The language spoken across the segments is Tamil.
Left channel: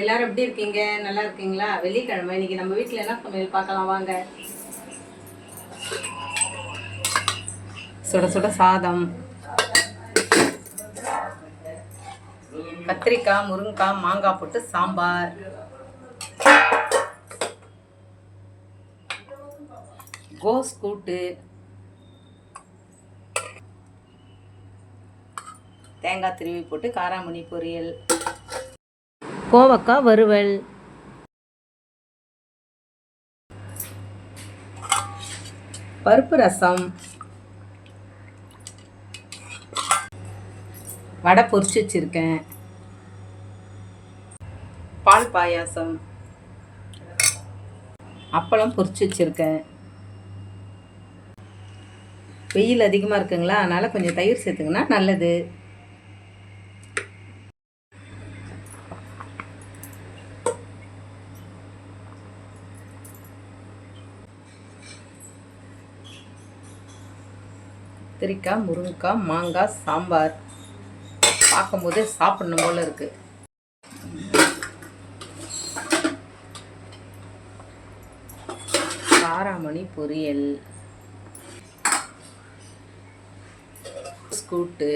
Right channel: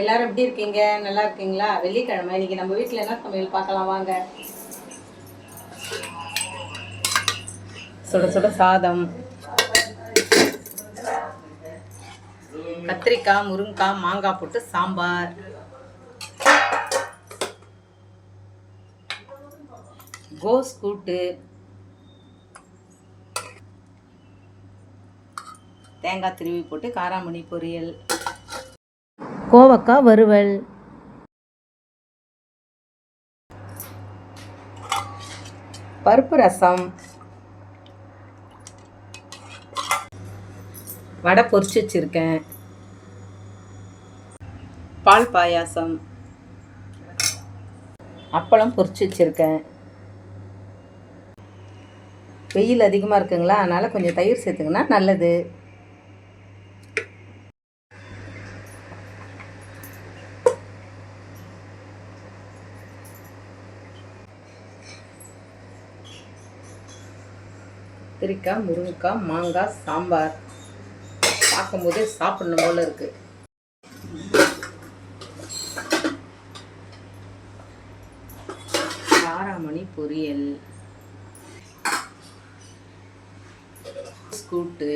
எல்லாரும் எப்படி இருக்கீங்க? நல்லா இருக்கீங்களா? வெள்ளிக்கிழமை இன்னைக்கு நம்ம வீட்டில் என்ன சமையல் பார்க்கலாம் வாங்க. சுட சுட சாதம், கத்திரிக்காய், முருங்கைக்காய், மாங்காய் போட்டு சாம்பார், கோஸ் கூட்டு, தேங்காய் திருவி போட்டு காராமணி பொரியல், கோவக்காய் வறுவல், பருப்பு ரசம், வடை பொரிச்சு வச்சுருக்கேன், பால் பாயாசம், அப்பளம் பொரிச்சு வச்சுருக்கேன். வெயில் அதிகமாக இருக்குங்களா, அதனால் கொஞ்சம் தயிர் சேர்த்துங்கன்னா நல்லது. கத்திரிக்காய், முருங்கைக்காய், மாங்காய் சாம்பார் பார்க்கும்போதே சாப்பிடணும் போல இருக்கு. காராமணி பொரியல், கூட்டு,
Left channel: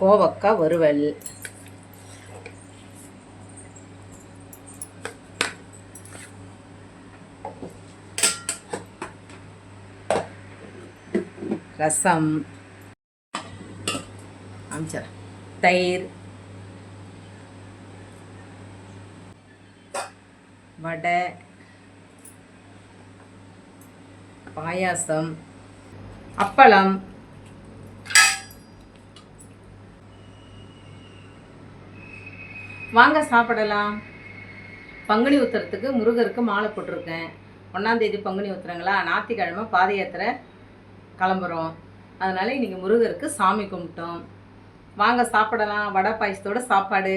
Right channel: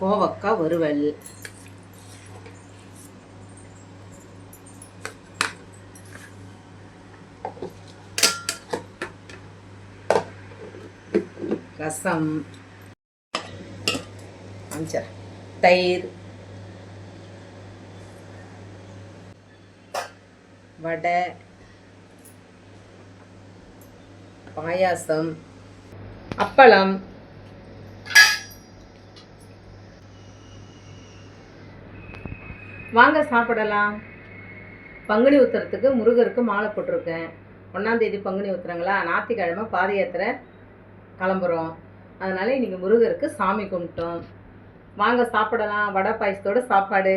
கோவக்காய் வறுவல், ரசம், தயிர், வடை, பாயாசம், அப்பளம், வாங்க சாப்பிடலாம். பங்குனி உத்திரத்துக்கு முருகருக்கு மாலை போட்டிருக்கேன். 1ஆம் தேதி பங்குனி உத்திரங்களா, ஞாயிற்றுக்கிழமை பாத யாத்திரை கிளம்புறோம். அதனால் இன்றைக்கி முருகருக்கு சாமி கும்பிட்டோம். வாங்க சாப்பிடலாம். வடை பாயசத்தோட சாப்பாடு.